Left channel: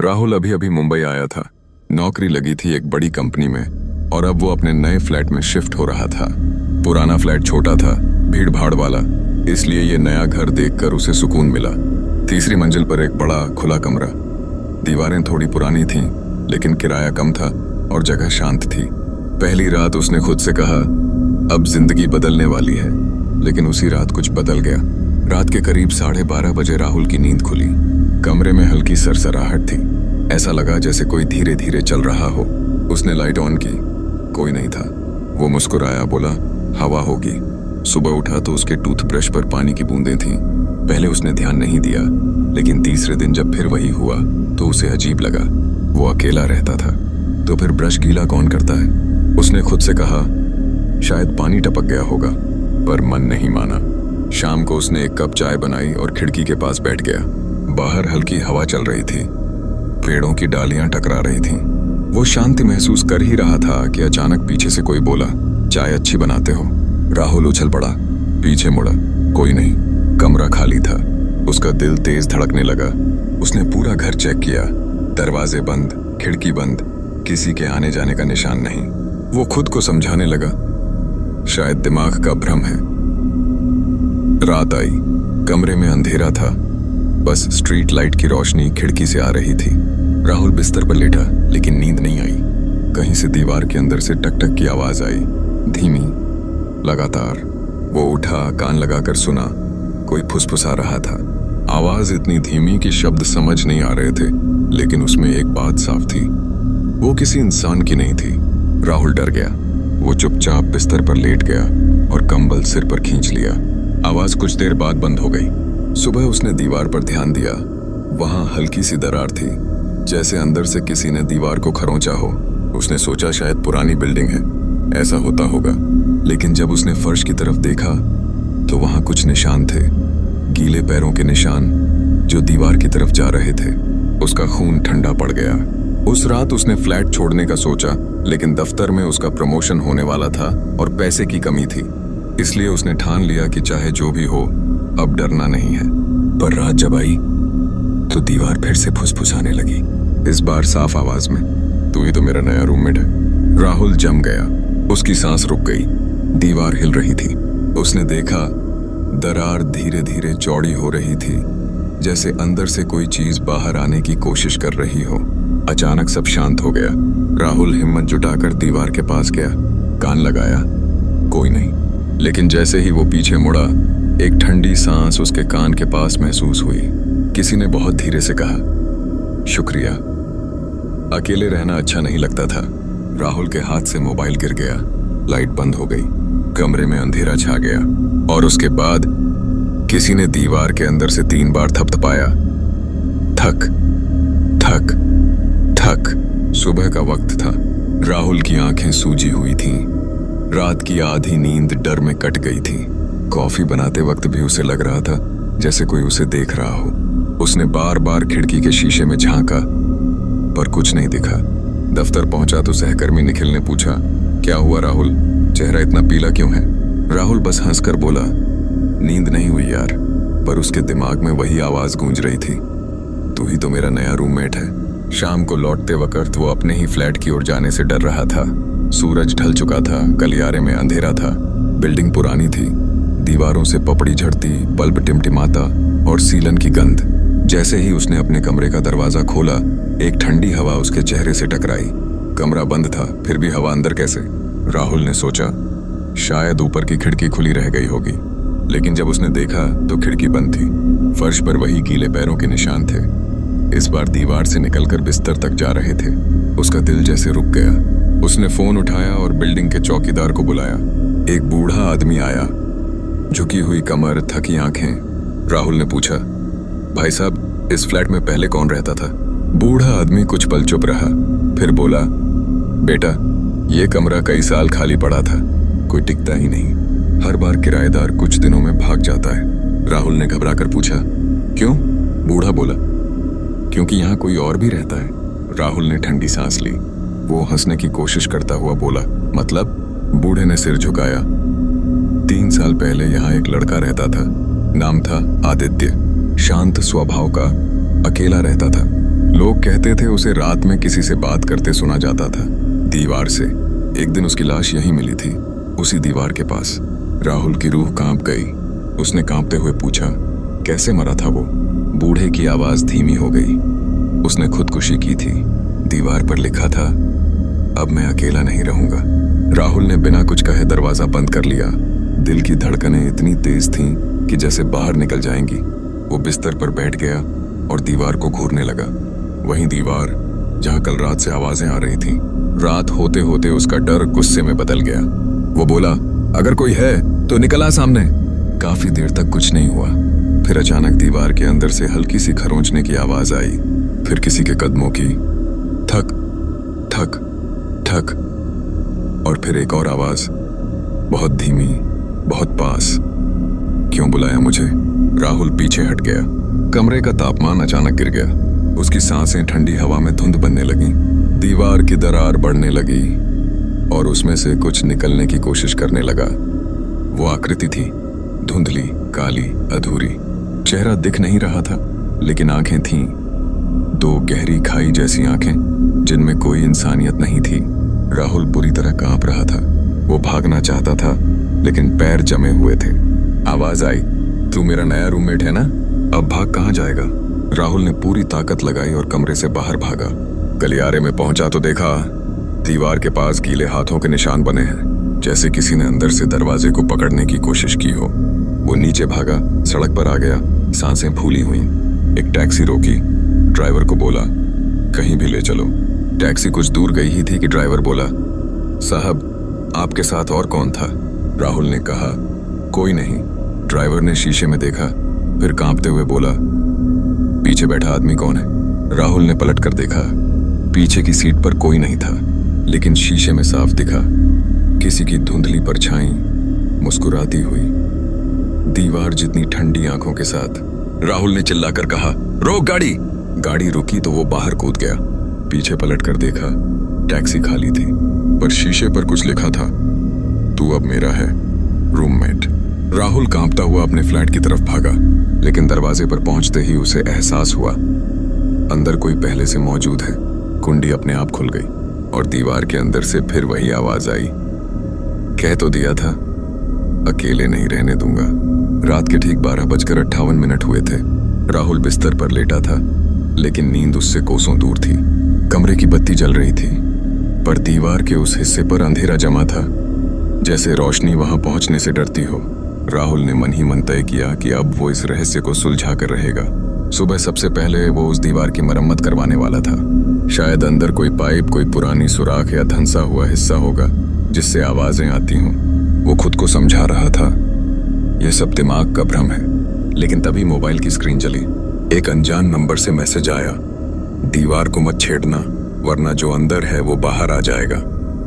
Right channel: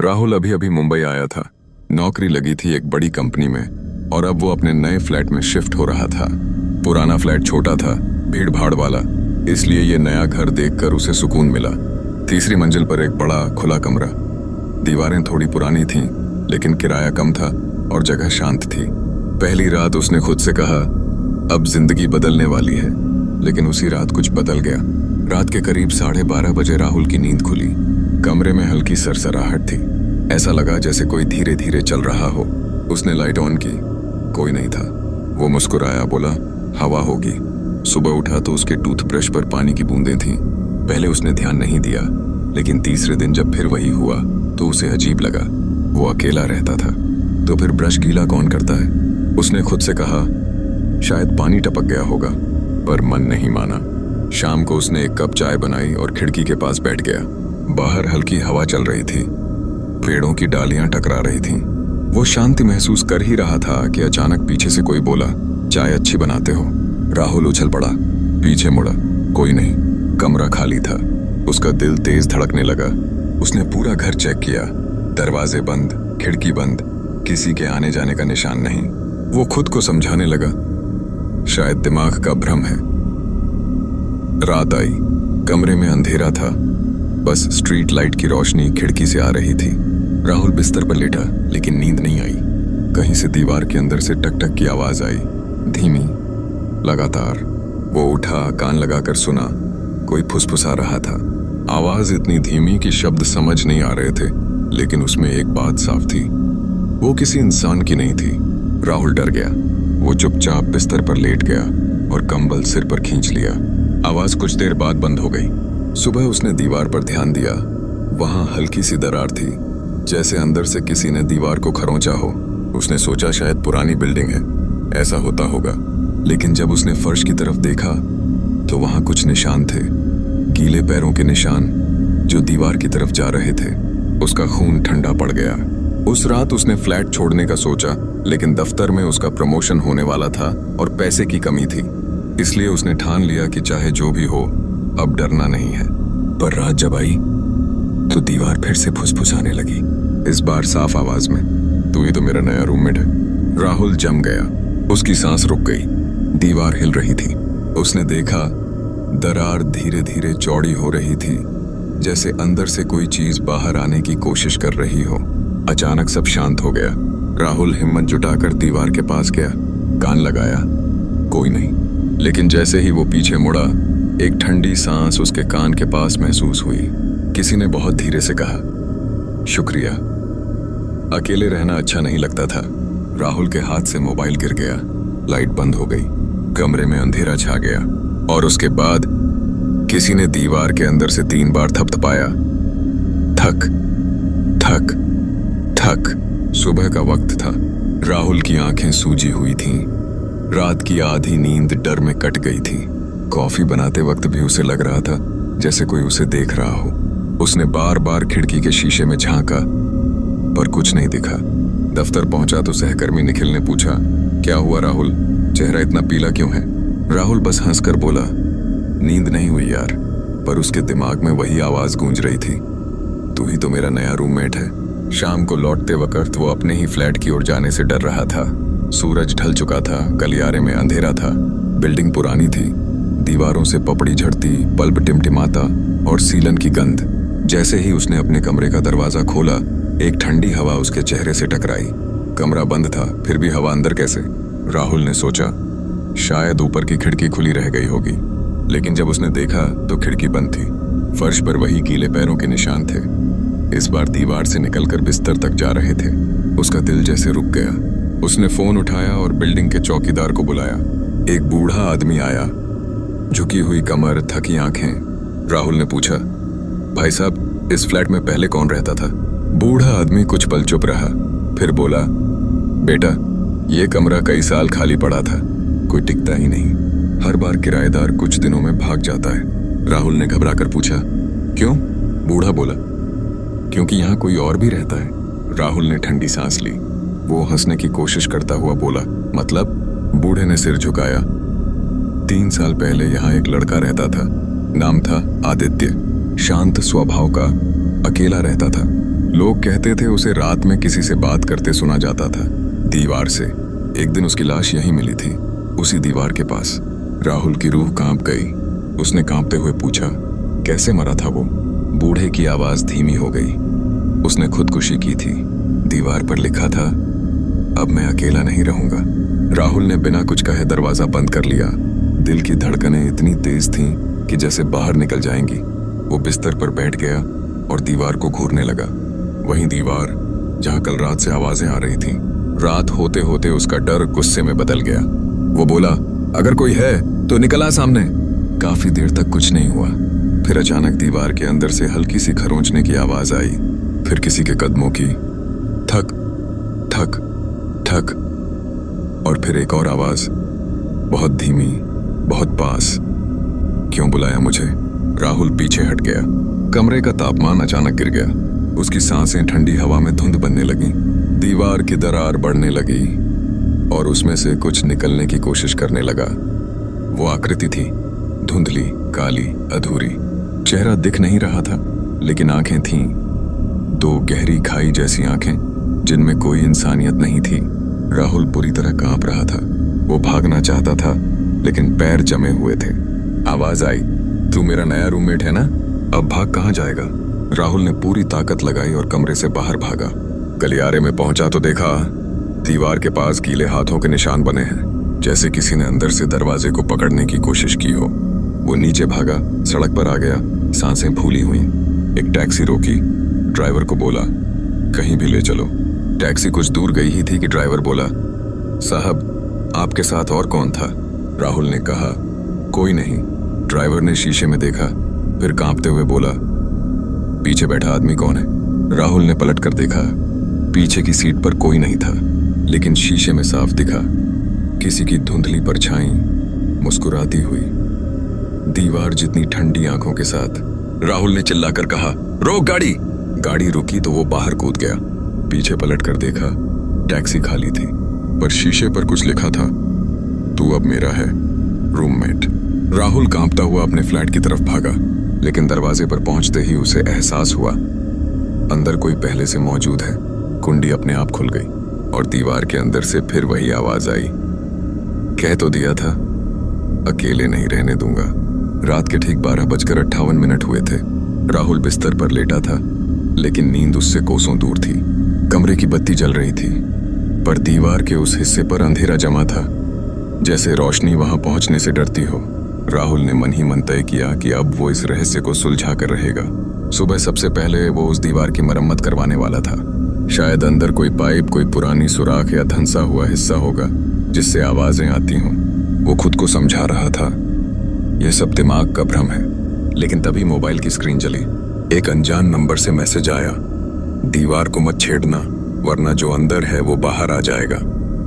राहुल अभी अभी मुंबई आया था। नौकरी लगी थी एक बड़ी कंपनी में और अब वो अपने नए फ्लैट में शिफ्ट हो रहा था। पुराना फ्लैट छोटा था, भीड़ भाड़ वाला, इसलिए ये नया घर देखकर उसे सुकून मिला। तीसरी मंजिल पर एक बड़ा खुला कमरा। दीवारें थोड़ी पुरानी थीं, लेकिन किराया कम था और जगह शांत थी। पहली रात उसने खुद से कहा, अब जिंदगी बदलने वाली है, लेकिन उसी रात कुछ बदल गया। रात के करीब 12:30 बजे राहुल की नींद खुली। कमरे में हल्की सरसराहट थी। ऐसा लगा जैसे कोई धीरे धीरे चल रहा हो। उसने लाइट ऑन की, कोई नहीं था। वो मुस्कुराया, बोला हवा होगी। सुबह उठा तो उसके टूथब्रश पर पानी की बूंदें थीं। पहले उसने ध्यान नहीं दिया, लेकिन तीसरे दिन जब फिर वही हुआ तो उसे अजीब लगा। वो अकेला रहता था, तो फिर ब्रश गीला कौन करता है? उसने खुद से कहा, शायद पानी टपक गया होगा, पर मन नहीं माना। शाम को उसने एक कप चाय बनाई और खिड़की के पास बैठ गया। बाहर हल्की हवा चल रही थी, पेड़ों की डालियां टकरा रही थीं। वो शांति महसूस कर ही रहा था कि अचानक पीछे से कोई बोला, चाय अच्छी बनाते हो। राहुल उछल पड़ा, पीछे मुड़ा, कोई नहीं। कमरा खाली था। उसका दिल तेज धड़कने लगा। उसने पूरा घर चेक किया, दरवाजे बंद, खिड़की बंद, किसी के आने जाने का निशान नहीं। वो खुद को समझाने लगा, शायद दिमाग का भ्रम है। रात आई, कमरे में अंधेरा था, बस स्ट्रीट लाइट की रोशनी खिड़की से आ रही थी। राहुल बिस्तर पर लेटा, लेकिन नींद नहीं आई। कहीं से दीवार के अंदर से टक टक की आवाज आई, धीमी, लगातार। वो उठा, कान लगाकर सुना, कोई फुसफुसा रहा था। आवाज इतनी धीमी कि शब्द समझ नहीं आ रहे थे, लेकिन उसमें एक बात साफ थी, वो किसी इंसान की नहीं थी। राहुल डर गया। वो चुपचाप बिस्तर पर लेट गया और कंबल सिर पर खींच लिया। आवाज कुछ देर बाद बंद हो गई। सुबह उसने दीवार पर ध्यान दिया। वहां हल्की सी दरार थी, जैसे अंदर से किसी ने दीवार को खरोंचा हो। उसने सोचा शायद पुरानी बिल्डिंग है, ऐसा होता होगा। लेकिन जब उसने फर्श की तरफ देखा तो वहां कुछ निशान थे, गीले पैरों के निशान जो दीवार की तरफ जा रहे थे। उसका खून ठंडा पड़ गया। उस रात उसने फ्लैट छोड़ने का सोचा, लेकिन दफ्तर में उसका प्रमोशन होने वाला था और पैसे की कमी थी। इसलिए उसने ठान लिया कि चाहे जो भी हो, अब डरना नहीं है। पर रात जब आई तो दीवार फिर से फुसफुसाने लगी, इस बार साफ आवाज में, तू ही तो मेरा नया रूममेट है। राहुल जम गया। उसकी सांस रुक गई। दीवार हिल रही थी। उसने देखा, दरार धीरे धीरे चौड़ी हो रही थी, जैसे अंदर से कोई चीज बाहर आने की कोशिश कर रही हो। अचानक सब शांत हो गया। राहुल हिम्मत जुटाकर दीवार के पास गया, कान लगाया, कोई नहीं। लेकिन जैसे ही वो पीछे मुड़ा, एक ठंडी सांस उसके कान के पास महसूस हुई। किसी ने बहुत धीरे से कहा, शुक्रिया। अकेले रहना अच्छा नहीं लगता था। राहुल के हाथ से मोबाइल गिर गया। लाइट बंद हो गई। कमरे में अंधेरा छा गया और उसके बाद किसी ने दीवार के अंदर से 3 बार थपथपाया, थक थक थक। सुबह का वक्त था। राहुल की आंखें सूजी हुई थीं। रात की आधी नींद डर में कट गई थी। कॉफी बनाते वक्त भी उसे लग रहा था जैसे कोई उसे देख रहा हो। उसने बार बार खिड़की के शीशे में झांका, पर कुछ नहीं दिखा। दफ्तर पहुंचा तो सहकर्मी निखिल ने पूछा, क्या हुआ राहुल, चेहरा इतना पीला क्यों है? राहुल बस हंसकर बोला, नींद नहीं हुई यार। पर उसके दिमाग में वही आवाज गूंज रही थी, तू ही तो मेरा नया रूममेट है। शाम को लौटते वक्त वो अपने ही फ्लैट की ओर जाने से डर रहा था। सूरज ढल चुका था, गलियारे में अंधेरा था। बिल्डिंग पुरानी थी, दीवारों से पपड़ी झड़ती, बल्ब टिमटिमाता और सीलन की गंध। जैसे ही उसने अपने कमरे का दरवाजा खोला, एक ठंडी हवा उसके चेहरे से टकराई। कमरा बंद था, फिर भी हवा अंदर कैसे? राहुल ने सोचा, शायद ऊपर की खिड़की खुली रह गई होगी। लेकिन जब उसने देखा तो खिड़की बंद थी। फर्श पर वही गीले पैरों के निशान थे, इस बार दीवार से निकलकर बिस्तर तक जा रहे थे। उसका दिल जैसे रुक गया। उसने फोन उठाया और बिल्डिंग के चौकीदार को बुलाया। एक बूढ़ा आदमी आया, झुकी हुई कमर, थकी आंखें। राहुल ने पूछा, भाई साहब, इस फ्लैट में पहले कौन रहता था? बूढ़ा आदमी कुछ पल चुप रहा, फिर बोला, बेटा, ये कमरा कई साल खाली पड़ा था, कोई टिकता ही नहीं। हर बार किराएदार कुछ दिनों में भाग जाता है। राहुल ने घबराकर पूछा, क्यों? बूढ़ा बोला, क्योंकि यहाँ कोई और भी रहता है। राहुल ने ठंडी सांस ली। वो हंसने की कोशिश करता हुआ बोला, मतलब? बूढ़े ने सिर झुकाया। 3 साल पहले यहाँ एक लड़का रहता था, नाम था आदित्य। शांत स्वभाव का, अकेला रहता था। लोग कहते थे उसे रात में किसी से बात करते सुना जाता था, दीवार से। एक दिन उसकी लाश यहीं मिली थी, उसी दीवार के पास। राहुल की रूह कांप गई। उसने कांपते हुए पूछा, कैसे मरा था वो? बूढ़े की आवाज धीमी हो गई। उसने खुदकुशी की थी। दीवार पर लिखा था, अब मैं अकेला नहीं रहूंगा। राहुल ने बिना कुछ कहे दरवाजा बंद कर लिया। दिल की धड़कनें इतनी तेज थीं कि जैसे बाहर निकल जाएंगी। वो बिस्तर पर बैठ गया और दीवार को घूरने लगा। वही दीवार जहां कल रात से आवाजें आ रही थीं। रात होते होते उसका डर गुस्से में बदल गया। वो बोला, अगर कोई है तो निकल आ सामने। काफी देर तक कुछ नहीं हुआ। फिर अचानक दीवार के अंदर से हल्की सी खरोंचने की आवाज आई। फिर किसी के कदमों की, ठक ठक ठक। और फिर एक और आवाज, बहुत धीमी, बहुत पास। क्यों बुलाया मुझे? राहुल पीछे हट गया। कमरे का तापमान अचानक गिर गया। उसकी सांसें ठंडी हवा में धुंध बनने लगी। दीवार की दरार बढ़ने लगी और उसमें से कुछ निकलने की कोशिश करने लगा। वो आकृति थी, धुंधली, काली, अधूरी। चेहरा दिख नहीं रहा था, लेकिन आंखें थीं, दो गहरी खाई जैसी आंखें जिनमें कोई इंसानियत नहीं थी। राहुल बुरी तरह कांप रहा था। वो भागना चाहता था, लेकिन पैर जमे हुए थे। आवाज आई, तू मेरा नया रूममेट है ना? अब भाग कहाँ जाएगा? राहुल ने पूरी ताकत लगाई और कमरे से बाहर भागा। गलियारे में पहुंचा तो देखा, दीवार के पास गीले हाथों के निशान बने हैं, जैसे किसी ने अंदर से दरवाजे को पकड़ने की कोशिश की हो। वो नीचे भागा, सड़क पर आ गया, सांसें फूली हुई। एक टैक्सी रोकी। ड्राइवर को बोला, कहीं भी ले चलो। टैक्सी कुछ दूर गई ही थी कि ड्राइवर बोला, साहब आपके साथ और कौन था? राहुल ने कहा, कोई नहीं। ड्राइवर ने शीशे में देखा, फिर कांपते हुए बोला, पीछे बैठा आदमी कौन है? राहुल ने पलट कर देखा। पीछे की सीट पर कोई नहीं था, लेकिन शीशे में साफ दिखा, किसी की धुंधली परछाई मुस्कुराती हुई, दीवार जितनी ठंडी आंखों के साथ। राहुल ने चिल्लाकर कहा, रोक गाड़ी। गाड़ी रुकी तो वो बाहर कूद गया। पीछे पलट कर देखा, टैक्सी खाली थी, पर शीशे पर कुछ लिखा था, तू अब मेरा है, रूममेट। राहुल कांपता हुआ अपने फ्लैट की तरफ भागा, लेकिन दरवाजे पर पहुंचते ही उसे एहसास हुआ अंदर कोई पहले से मौजूद है। कुंडी अपने आप खुल गई और दीवार के अंदर से फिर वही आवाज आई, कह तो दिया था अकेले नहीं रहने दूंगा। रात के ठीक 12:58 हुए थे। राहुल बिस्तर पर लेटा था, लेकिन नींद उससे कोसों दूर थी। कमरे की बत्ती जल रही थी, पर दीवार के उस हिस्से पर अंधेरा जमा था, जैसे रोशनी वहां पहुंचने से डरती हो। राहुल ने मन ही मन तय किया कि अब वो इस रहस्य को सुलझा कर रहेगा। सुबह सबसे पहले वो उस दीवार की मरम्मत करवाने वाला था। शायद अंदर कोई पाइप, कोई पुरानी सुराख या धंसा हुआ हिस्सा होगा जिससे आवाजें आती हों। वो खुद को समझा रहा था, यह सब दिमाग का भ्रम है। लेकिन तभी मोबाइल की स्क्रीन जली। एक अनजान नंबर से मैसेज आया, दीवार को मत छेड़ना, वरना जो अंदर है वो बाहर आ जाएगा।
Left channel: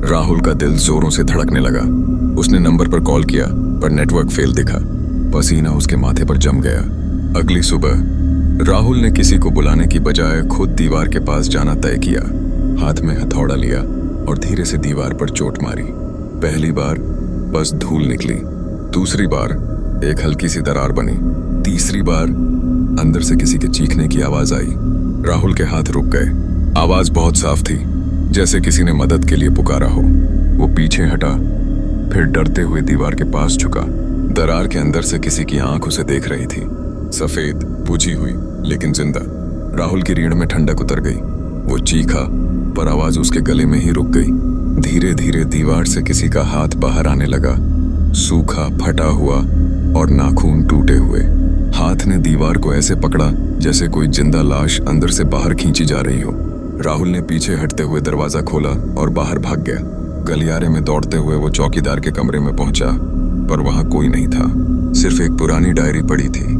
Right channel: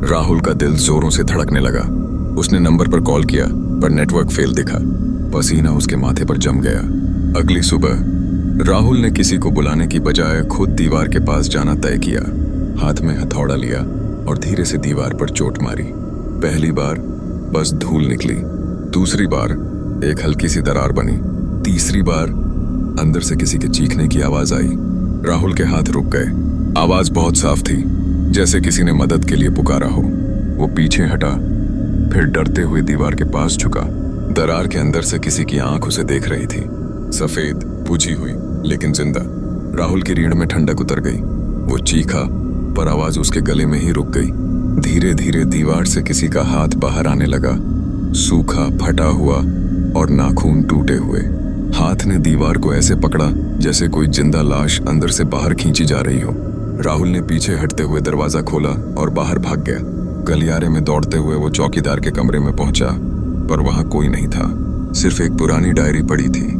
राहुल का दिल जोरों से धड़कने लगा। उसने नंबर पर कॉल किया, पर नेटवर्क फेल दिखा। पसीना उसके माथे पर जम गया। अगली सुबह राहुल ने किसी को बुलाने की बजाय खुद दीवार के पास जाना तय किया। हाथ में हथौड़ा लिया और धीरे से दीवार पर चोट मारी। पहली बार बस धूल निकली, दूसरी बार एक हल्की सी दरार बनी, तीसरी बार अंदर से किसी के चीखने की आवाज आई। राहुल के हाथ रुक गए। आवाज बहुत साफ थी, जैसे किसी ने मदद के लिए पुकारा हो। वो पीछे हटा, फिर डरते हुए दीवार के पास झुका। दरार के अंदर से किसी की आंख उसे देख रही थी, सफेद, बुझी हुई, लेकिन जिंदा। राहुल की रीढ़ में ठंडक उतर गई। वो चीखा, पर आवाज उसके गले में ही रुक गई। धीरे धीरे दीवार से किसी का हाथ बाहर आने लगा, सूखा, फटा हुआ और नाखून टूटे हुए। हाथ ने दीवार को ऐसे पकड़ा जैसे कोई जिंदा लाश अंदर से बाहर खींची जा रही हो। राहुल ने पीछे हटते हुए दरवाजा खोला और बाहर भाग गया। गलियारे में दौड़ते हुए वो चौकीदार के कमरे में पहुंचा, पर वहां कोई नहीं था। सिर्फ एक पुरानी डायरी पड़ी थी,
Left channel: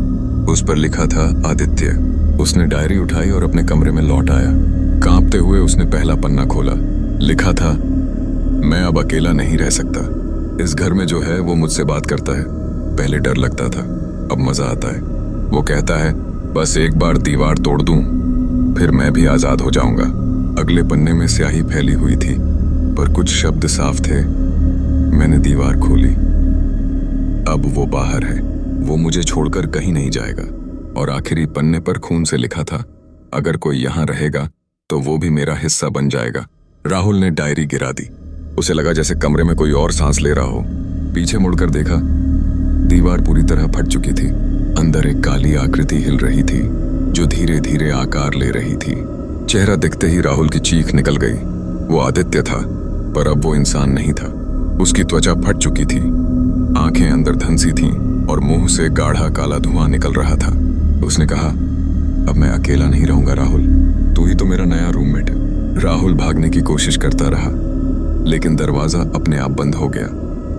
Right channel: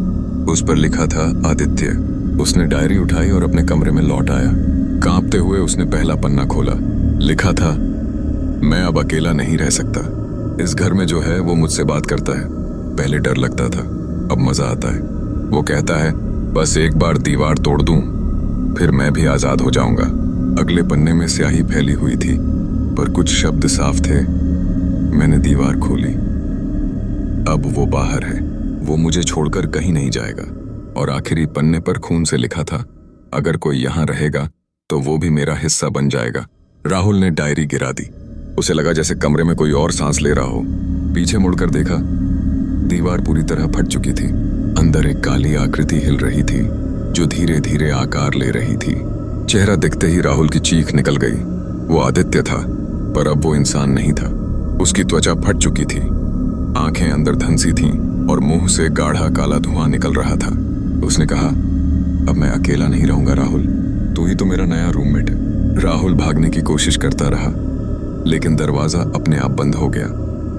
उस पर लिखा था आदित्य। उसने डायरी उठाई और अपने कमरे में लौट आया। कांपते हुए उसने पहला पन्ना खोला। लिखा था, मैं अब अकेला नहीं रह सकता। इस घर में जो है वो मुझसे बात करता है। पहले डर लगता था, अब मजा आता है। वो कहता है, बस एक बार दीवार तोड़ दूं, फिर मैं भी आजाद हो जाऊंगा। अगले पन्ने में स्याही फैली हुई थी, पर कुछ शब्द साफ थे। मैंने दीवार खोली, अब वो बाहर है, वो मुझे छोड़कर कहीं नहीं जाएगा। और आखिरी पन्ने पर खून से लिखा था, अगर कोई यहाँ रहेगा तो वो भी मेरा हिस्सा बन जाएगा। राहुल ने डायरी गिरा दी। उसे लगा जैसे कमरे में कोई और सांस ले रहा हो। पीछे मुड़कर देखा, दीवार पूरी तरह फट चुकी थी। अंदर एक काली आकृति हिल रही थी जो धीरे धीरे आकार ले रही थी। चेहरा दिखते ही राहुल की चीख निकल गई। वो आदित्य था, पर अब वो इंसान नहीं था। उसकी त्वचा फट चुकी थी, आंखें अंदर धंसी थीं और मुंह से गाढ़ा काला धुआं निकल रहा था। उसने कहा, अब मैं अकेला नहीं रहूंगा राहुल, तू ही तो मेरा नया रूममेट है। राहुल भागने की कोशिश करता रहा, लेकिन दरवाजा अपने आप बंद हो गया।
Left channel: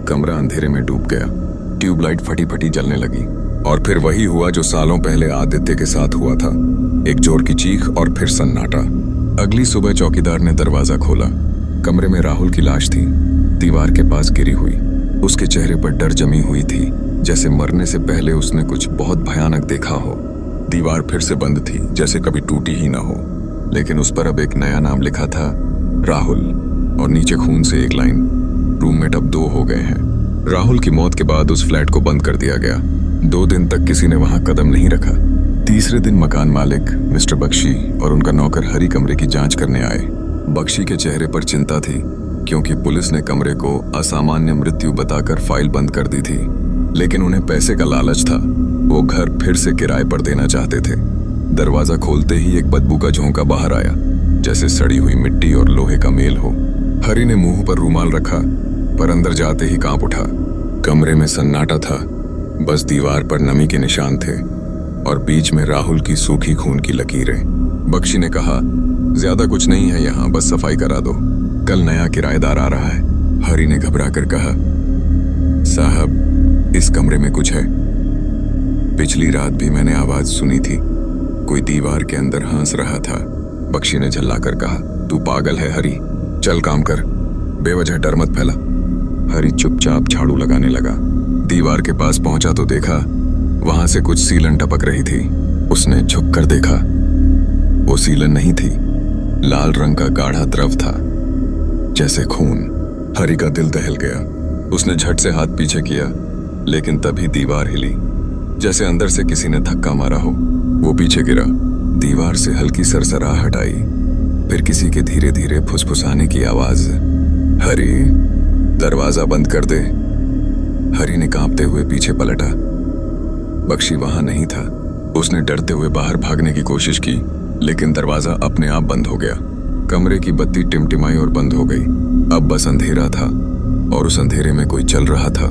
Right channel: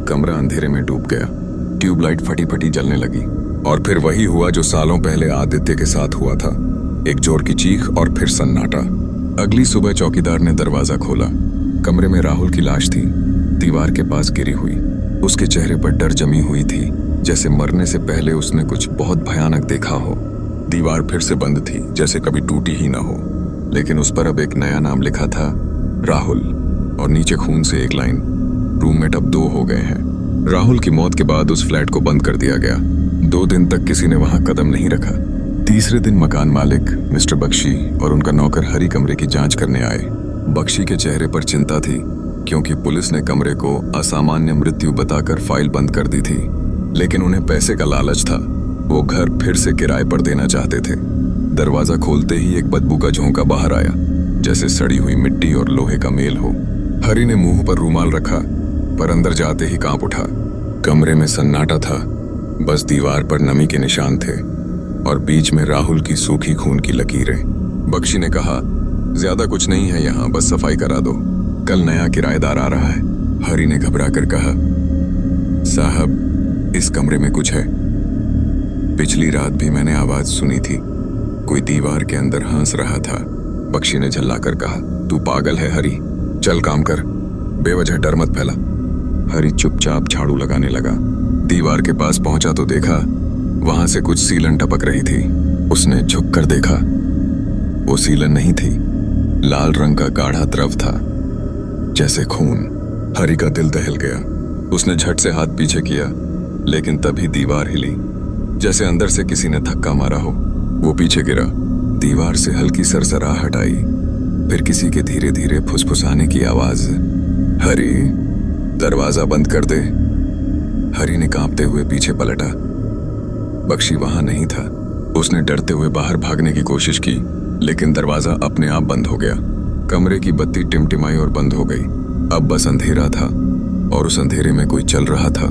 कमरा अंधेरे में डूब गया। ट्यूबलाइट फटी फटी जलने लगी और फिर वही हुआ जो सालों पहले आदित्य के साथ हुआ था। एक जोर की चीख और फिर सन्नाटा। अगली सुबह चौकीदार ने दरवाजा खोला। कमरे में राहुल की लाश थी, दीवार के पास गिरी हुई। उसके चेहरे पर डर जमी हुई थी, जैसे मरने से पहले उसने कुछ बहुत भयानक देखा हो। दीवार फिर से बंद थी, जैसे कभी टूटी ही ना हो, लेकिन उस पर अब एक नया नाम लिखा था, राहुल, और नीचे खून से एक लाइन, रूममेट अब 2 हो गए हैं। राहुल की मौत के बाद उस फ्लैट को बंद कर दिया गया। 2 दिन तक किसी ने वहां कदम नहीं रखा। तीसरे दिन मकान मालिक मिस्टर बख्शी और उनका नौकर हरी कमरे की जांच करने आए। बख्शी के चेहरे पर चिंता थी, क्योंकि पुलिस ने कमरे को असामान्य मृत्यु बताकर फाइल बंद कर दी थी, लेकिन उन्हें पैसे का लालच था। वो घर फिर से किराए पर देना चाहते थे। दरवाजा खोलते ही एक बदबू का झोंका बाहर आया, जैसे सड़ी हुई मिट्टी और लोहे का मेल हो। हरी ने मुंह पर रूमाल रखा, पर अंदर जाते ही कांप उठा। कमरे में सन्नाटा था, बस दीवार पर नमी के निशान थे और बीच में राहुल की सूखी खून की लकीरें। बख्शी ने कहा, ज्यादा कुछ नहीं है यहाँ, बस सफाई करा दो, कल नया किराएदार आ रहा है। हरी ने घबरा कर कहा, साहब इस कमरे में कुछ है। पिछली रात भी मैंने आवाज सुनी थी, कोई दीवार के अंदर हंस रहा था। बख्शी ने झल्लाकर कहा, तू पागल है हरी, चल काम कर, बेवजह डर मत फैला। हरी चुपचाप झाड़ू लगाने लगा। दीवार के पास पहुंचा तो देखा वहां से कुछ सीलन टपक रही थी। उसने झुककर देखा, वो सीलन नहीं थी, लाल रंग का गाढ़ा द्रव था, जैसे खून। हरी का दिल दहल गया। उसने झट से हाथ पीछे किया, लेकिन तभी दीवार हिली, जैसे अंदर से किसी ने धक्का मारा हो। वो पीछे गिरा। दीवार से हल्की सरसराहट आई, फिर किसी के धीरे धीरे फुसफुसाने की आवाज, हरी दरवाजा बंद कर दे। हरी ने कांपते हुए पीछे पलटा। बख्शी वहां नहीं था। उसने डरते हुए बाहर भागने की कोशिश की, लेकिन दरवाजा अपने आप बंद हो गया। कमरे की बत्ती टिमटिमाई और बंद हो गई। अब बस अंधेरा था, और उस अंधेरे में कोई चल रहा था।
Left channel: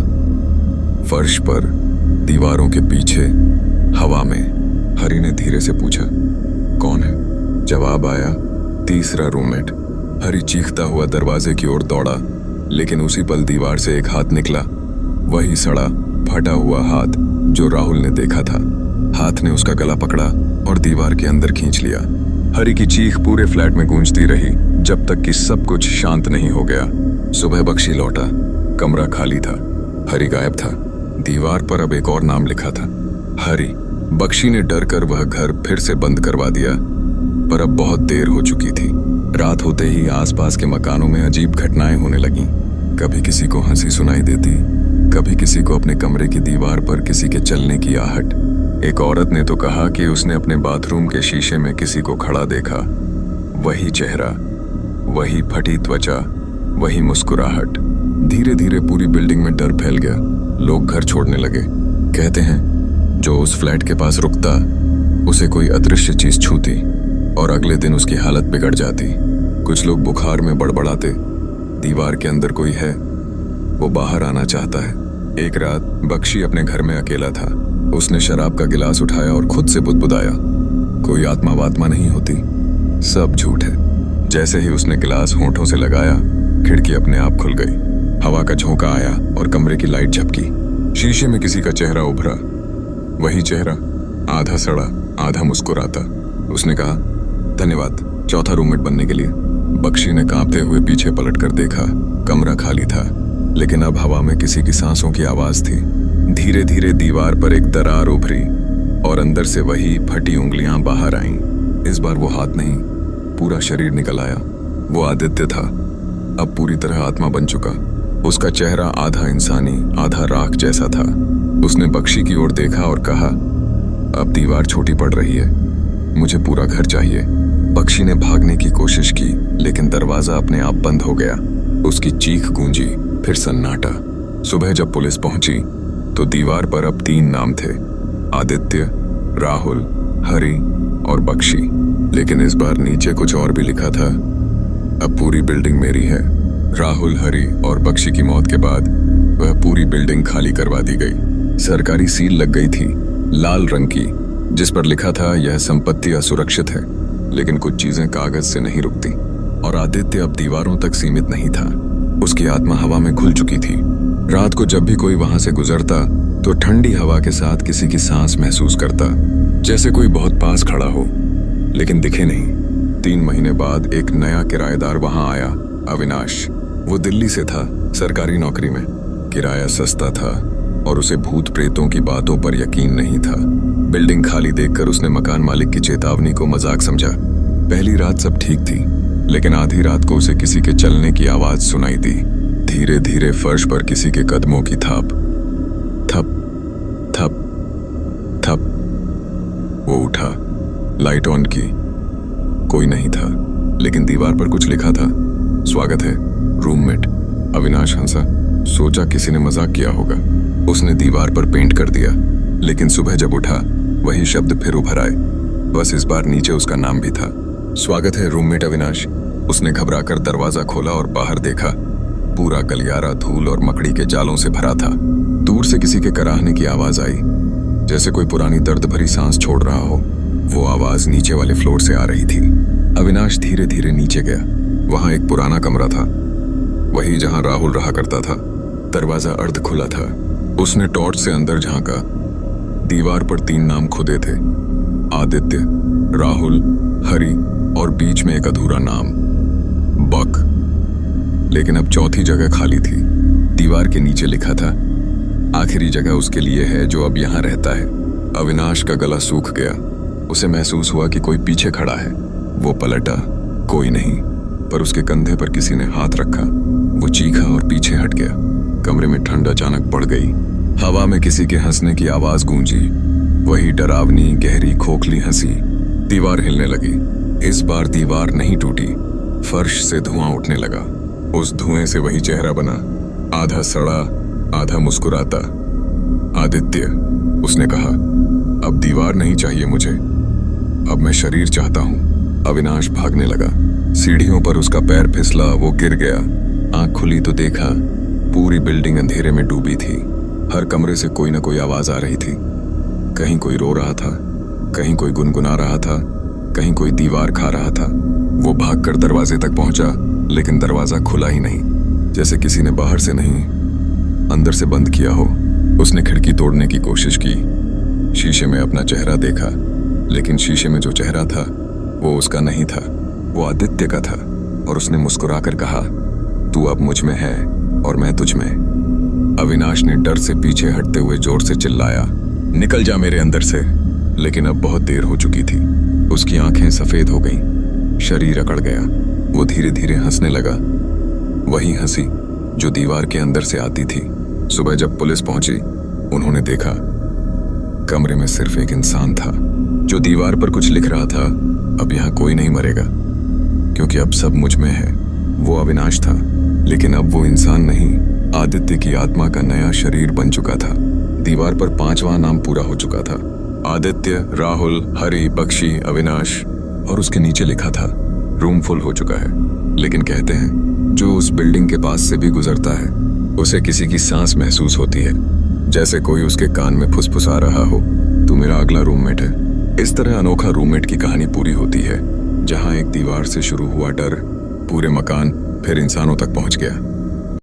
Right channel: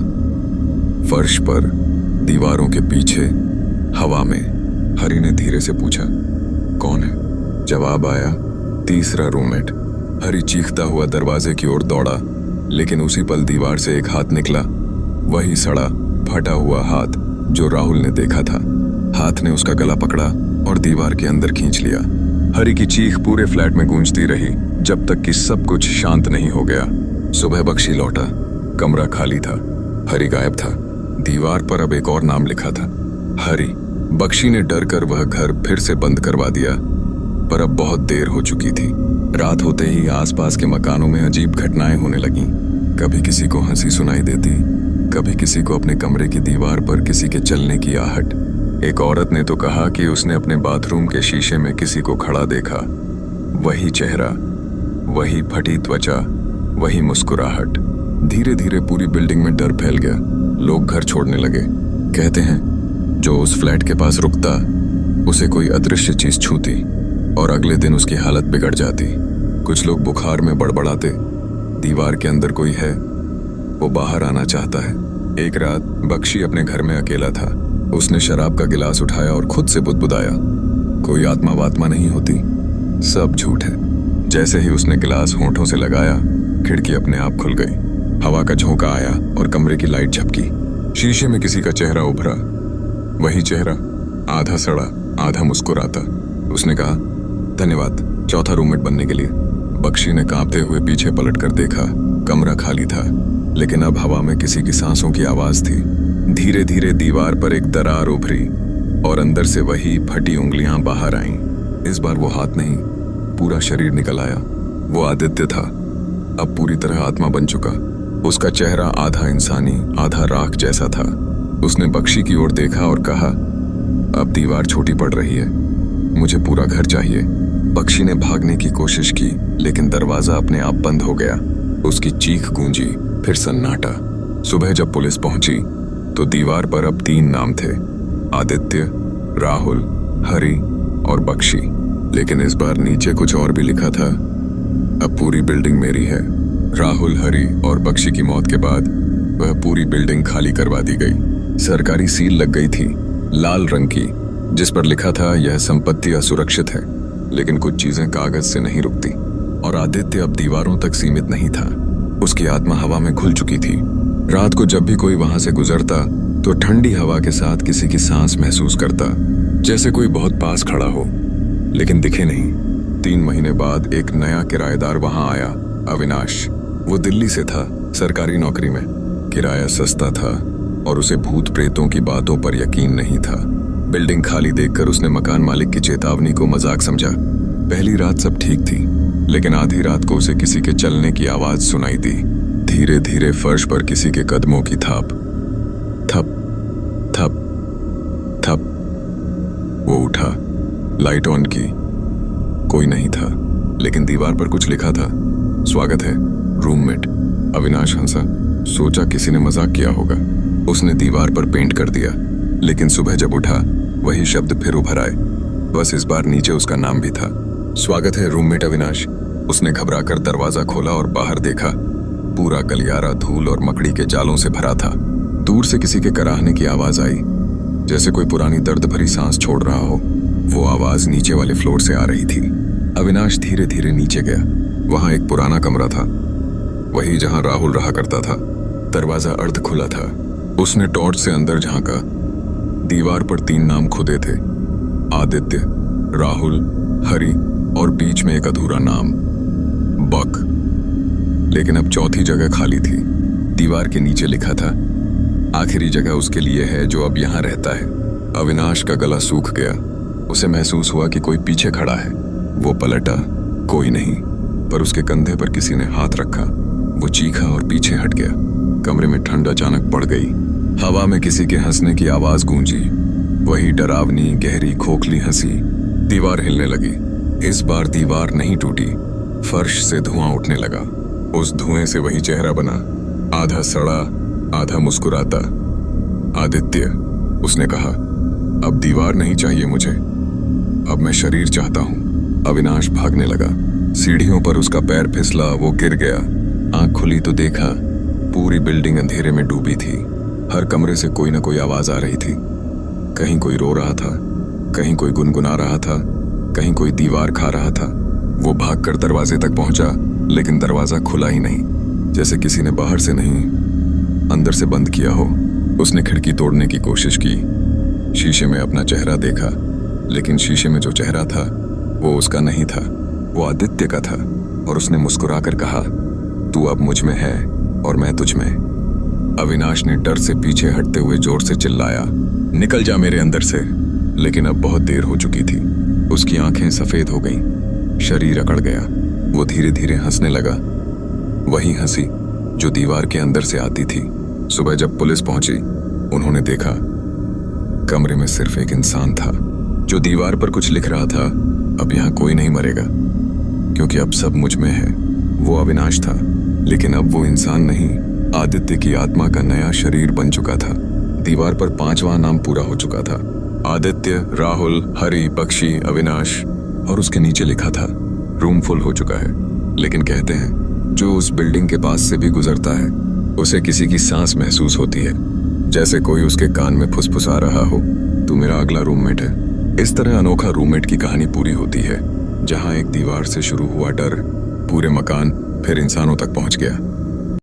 फर्श पर, दीवारों के पीछे, हवा में। हरी ने धीरे से पूछा, कौन है? जवाब आया, तीसरा रूममेट। हरी चीखता हुआ दरवाजे की ओर दौड़ा, लेकिन उसी पल दीवार से एक हाथ निकला, वही सड़ा फटा हुआ हाथ जो राहुल ने देखा था। हाथ ने उसका गला पकड़ा और दीवार के अंदर खींच लिया। हरी की चीख पूरे फ्लैट में गूंजती रही, जब तक कि सब कुछ शांत नहीं हो गया। सुबह बख्शी लौटा, कमरा खाली था, हरी गायब था। दीवार पर अब एक और नाम लिखा था, हरी। बख्शी ने डर कर वह घर फिर से बंद करवा दिया, पर अब बहुत देर हो चुकी थी। रात होते ही आसपास के मकानों में अजीब घटनाएं होने लगीं। कभी किसी को हंसी सुनाई देती, कभी किसी को अपने कमरे की दीवार पर किसी के चलने की आहट। एक औरत ने तो कहा कि उसने अपने बाथरूम के शीशे में किसी को खड़ा देखा। वही चेहरा, वही फटी त्वचा, वही मुस्कुराहट। धीरे धीरे पूरी बिल्डिंग में डर फैल गया। लोग घर छोड़ने लगे। कहते हैं जो उस फ्लैट के पास रुकता, उसे कोई अदृश्य चीज छूती और अगले दिन उसकी हालत बिगड़ जाती। कुछ लोग बुखार में बड़बड़ाते, दीवार के अंदर कोई है, वो बाहर आना चाहता है। एक रात बख्शी अपने घर में अकेला था। उसने शराब का गिलास उठाया और खुद से बुदबुदाया, कोई आत्मा वात्मा नहीं होती, सब झूठ है। जैसे ही उसने गिलास होंठों से लगाया, खिड़की अपने आप खुल गई। हवा का झोंका आया और कमरे की लाइट झपकी। शीशे में किसी का चेहरा उभरा, वही चेहरा, आधा सड़ा आधा मुस्कुराता। उसने कहा, धन्यवाद चौथा रूममेट बनने के लिए। बख्शी ने कांपते हुए पीछे पलटकर देखा। कमरा खाली था, लेकिन अब हवा में किसी की सांसों की आवाज थी। धीरे धीरे दीवार पर एक दरार उभरी और अंदर से वही फटी उंगलियां बाहर आईं। इस बार वो हाथ नहीं, पूरा शरीर निकल आया। वो आदित्य था, अब पूरी तरह आत्मा बन चुका। उसका चेहरा आधा इंसानी आधा राख जैसा था। उसने बख्शी की ओर देखा और कहा, अब दीवार छोटी पड़ रही है, मुझे पूरा घर चाहिए। बख्शी ने भागने की कोशिश की, लेकिन दरवाजा अपने आप बंद हो गया। उसकी चीख गूंजी, फिर सन्नाटा। सुबह जब पुलिस पहुंची तो दीवार पर अब 3 नाम थे, आदित्य, राहुल, हरि और बख्शी। लेकिन इस बार नीचे कुछ और भी लिखा था। अब पूरी बिल्डिंग मेरी है। राहुल, हरि और बख्शी की मौत के बाद वह पूरी बिल्डिंग खाली करवा दी गई। सरकारी सील लग गई थी, लाल रंग की, जिस पर लिखा था यह संपत्ति असुरक्षित है। लेकिन कुछ चीजें कागज से नहीं रुकती, और आदित्य अब दीवारों तक सीमित नहीं था। उसकी आत्मा हवा में घुल चुकी थी। रात को जब भी कोई वहां से गुजरता तो ठंडी हवा के साथ किसी की सांस महसूस करता, जैसे कोई बहुत पास खड़ा हो, लेकिन दिखे नहीं। 3 महीने बाद एक नया किराएदार वहां आया, अविनाश। वो दिल्ली से था, सरकारी नौकरी में। किराया सस्ता था और उसे भूत प्रेतों की बातों पर यकीन नहीं था। बिल्डिंग खाली देखकर उसने मकान मालिक की चेतावनी को मजाक समझा। पहली रात सब ठीक थी, लेकिन आधी रात को उसे किसी के चलने की आवाज सुनाई दी। धीरे धीरे फर्श पर किसी के कदमों की थाप। थप थप थप। वो उठा, लाइट ऑन की। कोई नहीं था, लेकिन दीवार पर कुछ लिखा था, स्वागत है, रूममेट। अविनाश हंसा, सोचा किसी ने मजाक किया होगा। उसने दीवार पर पेंट कर दिया, लेकिन सुबह जब उठा वही शब्द फिर उभर आए। बस इस बार नीचे उसका नाम भी था, स्वागत है रूममेट अविनाश। उसने घबराकर दरवाजा खोला और बाहर देखा। पूरा गलियारा धूल और मकड़ी के जालों से भरा था। दूर से किसी के कराहने की आवाज आई, जैसे कोई पुरानी दर्द भरी सांस छोड़ रहा हो। वो आवाज नीचे वाले फ्लोर से आ रही थी। अविनाश धीरे धीरे नीचे गया। वहां एक पुराना कमरा था, वही जहां राहुल रहा करता था। दरवाजा अर्ध खुला था। उसने टॉर्च से अंदर झांका। दीवार पर 3 नाम खुदे थे, आदित्य, राहुल, हरि और बीच में एक अधूरा नाम, बक। लेकिन अब चौथी जगह खाली थी। दीवार के नीचे लिखा था, आखिरी जगह उसके लिए है जो अब यहां रहता है। अविनाश का गला सूख गया। उसे महसूस हुआ कि कोई पीछे खड़ा है। वो पलटा, कोई नहीं, पर उसके कंधे पर किसी ने हाथ रखा। वो चीखा और पीछे हट गया। कमरे में ठंड अचानक बढ़ गई। हवा में किसी के हंसने की आवाज गूंजी, वही डरावनी, गहरी, खोखली हंसी। दीवार हिलने लगी। इस बार दीवार नहीं टूटी, फर्श से धुआं उठने लगा। उस धुएं से वही चेहरा बना, आधा सड़ा, आधा मुस्कुराता। आदित्य, उसने कहा, अब दीवार नहीं चाहिए मुझे, अब मैं शरीर चाहता हूं। अविनाश भागने लगा। सीढ़ियों पर उसका पैर फिसला, वो गिर गया। आंख खुली तो देखा पूरी बिल्डिंग अंधेरे में डूबी थी। हर कमरे से कोई ना कोई आवाज आ रही थी। कहीं कोई रो रहा था, कहीं कोई गुनगुना रहा था, कहीं कोई दीवार खा रहा था। वो भागकर दरवाजे तक पहुंचा, लेकिन दरवाजा खुला ही नहीं, जैसे किसी ने बाहर से नहीं अंदर से बंद किया हो। उसने खिड़की तोड़ने की कोशिश की, शीशे में अपना चेहरा देखा, लेकिन शीशे में जो चेहरा था वो उसका नहीं था, वो आदित्य का था। और उसने मुस्कुराकर कहा, तू अब मुझ में है और मैं तुझ में। अविनाश ने डर से पीछे हटते हुए जोर से चिल्लाया, निकल जा मेरे अंदर से। लेकिन अब बहुत देर हो चुकी थी। उसकी आंखें सफेद हो गईं, शरीर अकड़ गया। वो धीरे धीरे हंसने लगा, वही हंसी जो दीवार के अंदर से आती थी। सुबह जब पुलिस पहुंची, उन्होंने देखा कमरे में सिर्फ एक इंसान था जो दीवार पर कुछ लिख रहा था, अब यहां कोई नहीं मरेगा, क्योंकि अब सब मुझ में है। वो अविनाश था, लेकिन अब वो इंसान नहीं, आदित्य की आत्मा का नया शरीर बन चुका था। दीवार पर 5वां नाम पूरा हो चुका था, आदित्य, राहुल, हरि, बख्शी, अविनाश। और उसके नीचे लिखा था, रूम फुल हो चुका है, लेकिन कहते हैं जो उस बिल्डिंग के पास से भी गुजरता है उसे किसी की सांस महसूस होती है, जैसे कोई उसके कान में फुसफुसा रहा हो, तू मेरा अगला रूममेट है। इस तरह अनोखा रूममेट की कहानी पूरी होती है, जहां एक दीवार से शुरू हुआ डर पूरे मकान फिर इंसानों तक पहुंच गया।